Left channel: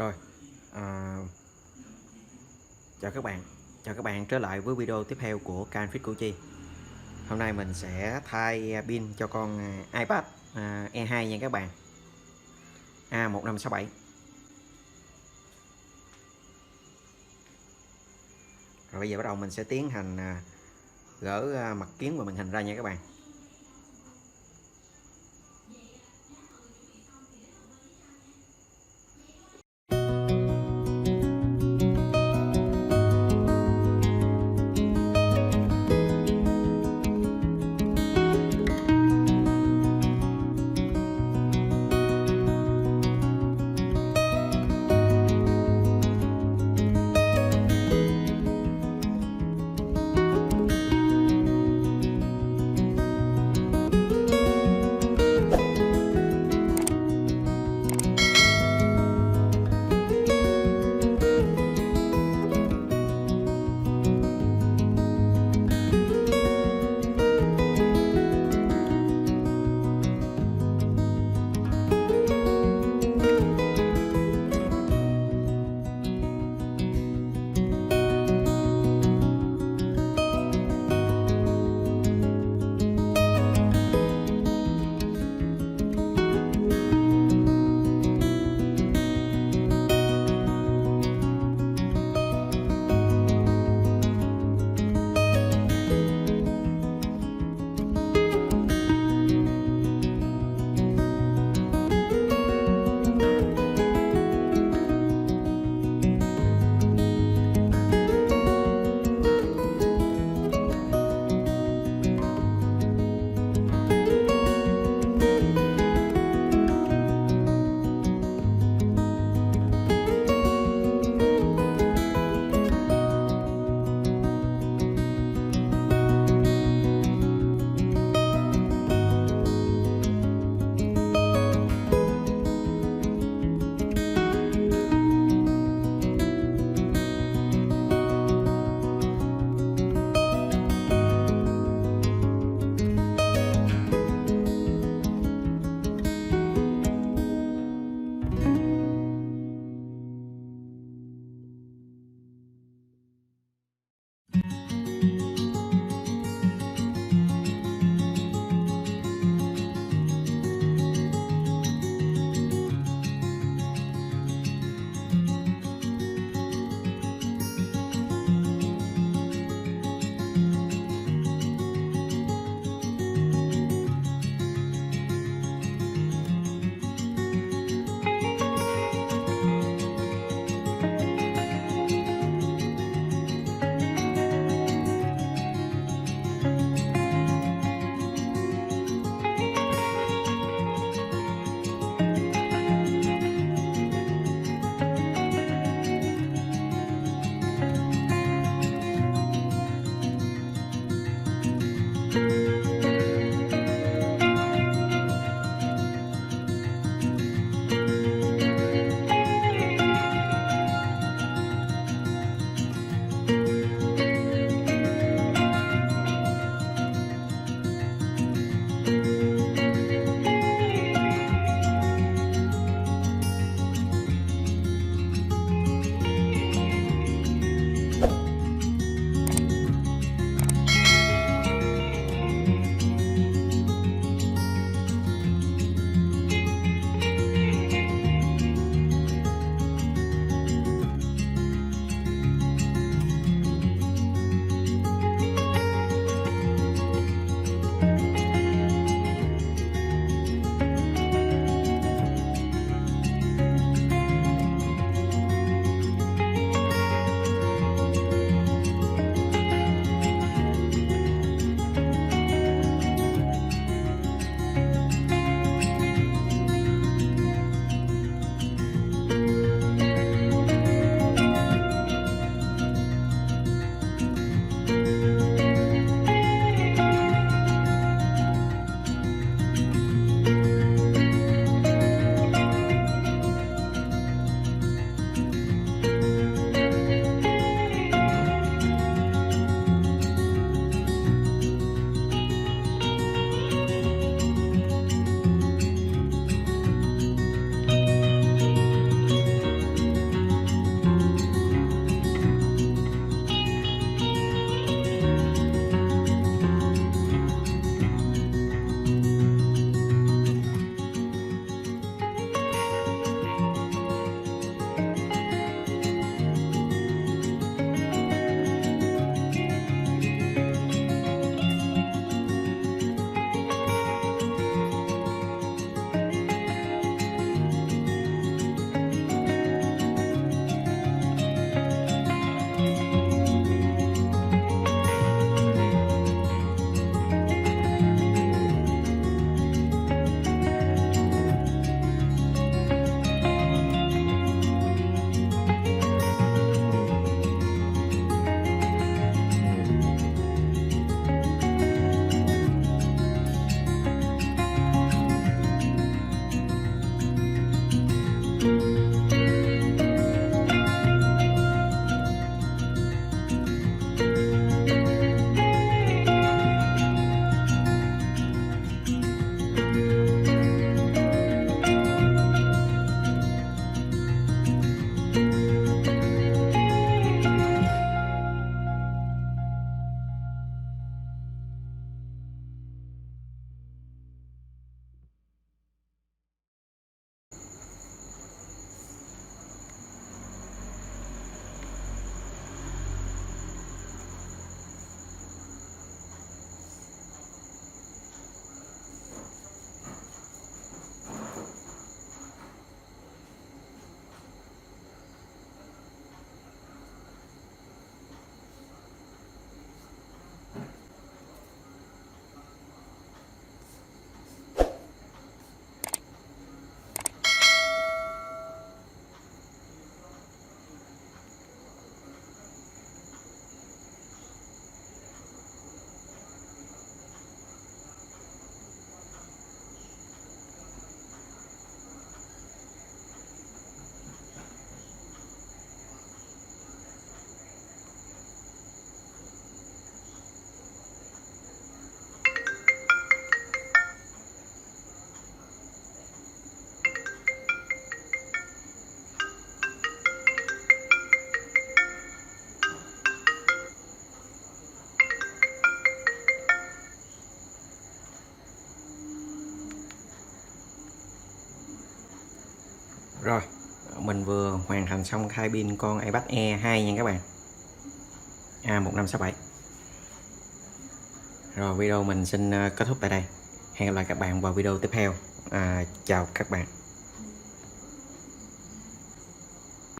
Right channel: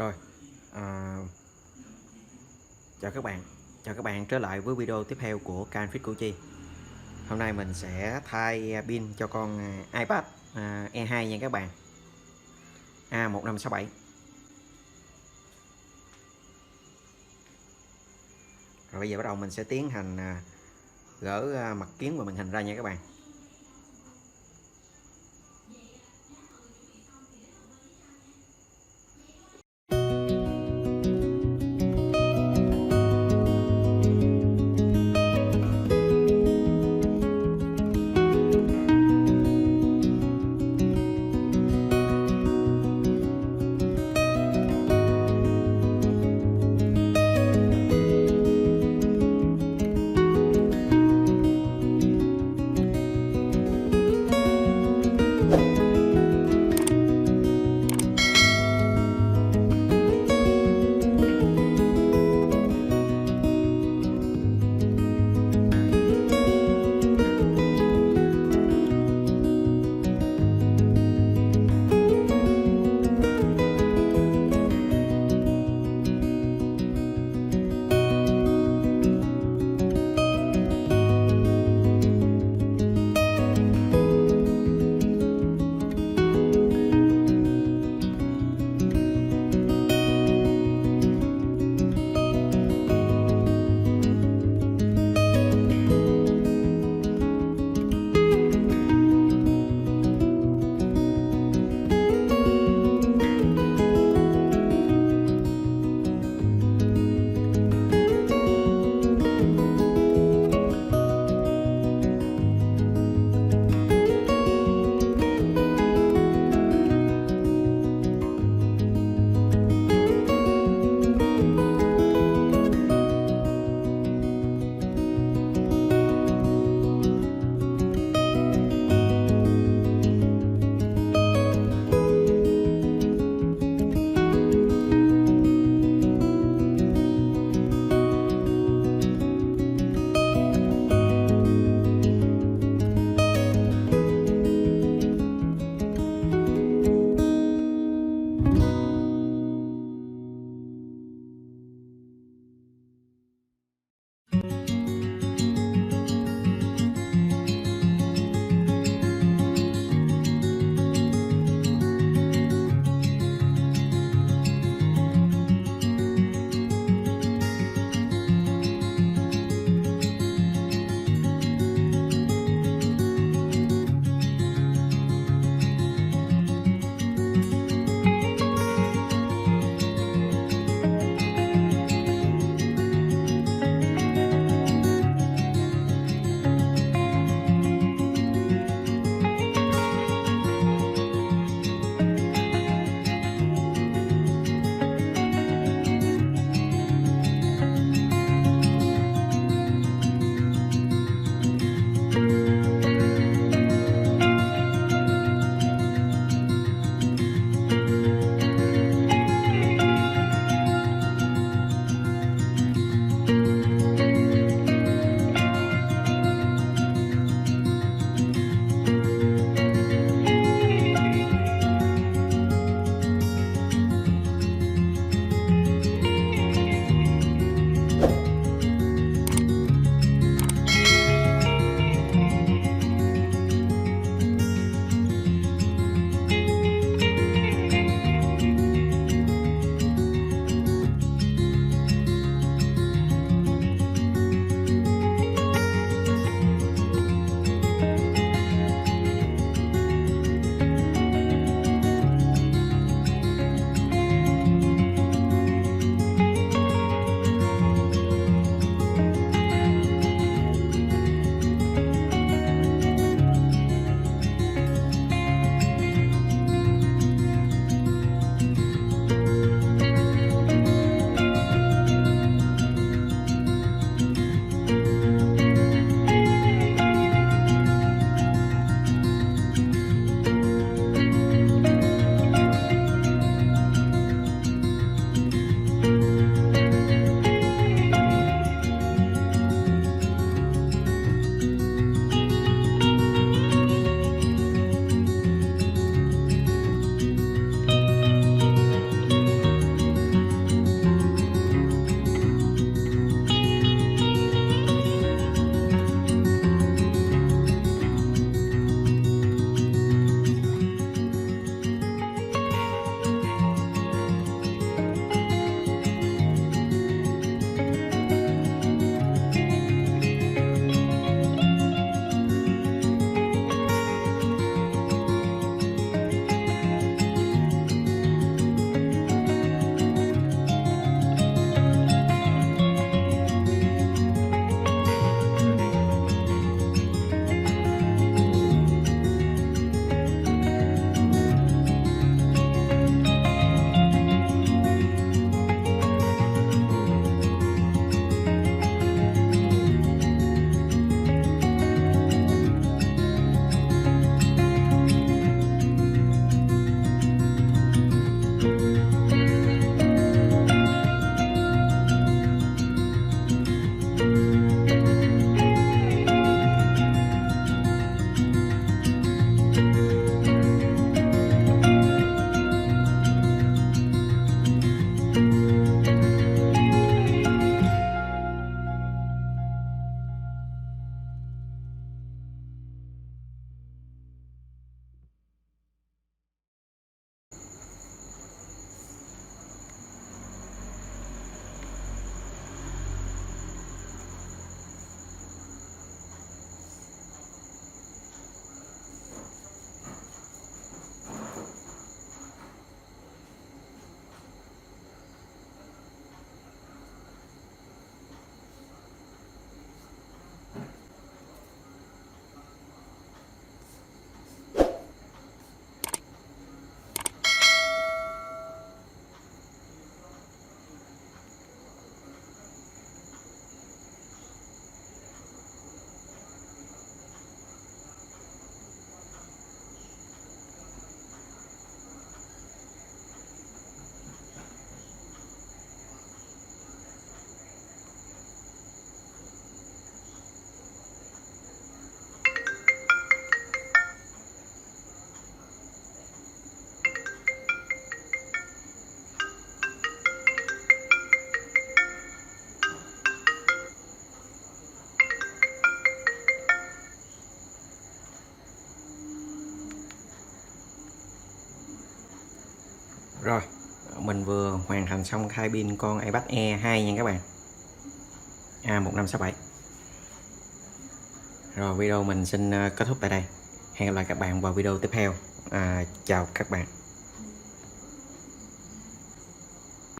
Rồi, à, chào các bạn trở lại với video tiếp theo của kênh Fit Củ Chi. Hôm nay mình sẽ thay pin cho con iPad E2 nha các bạn, A1567. Rồi bây giờ bắt đầu mình sẽ tiến hành gỡ mặt kiến và màn hình ra nha các bạn. Rồi, mình vừa hoàn thành xong thay pin con iPad Air 2 nha các bạn, A1567. Rồi video mình xin kết thúc tại đây. Hẹn gặp lại các bạn vào video tiếp theo. Chào các bạn.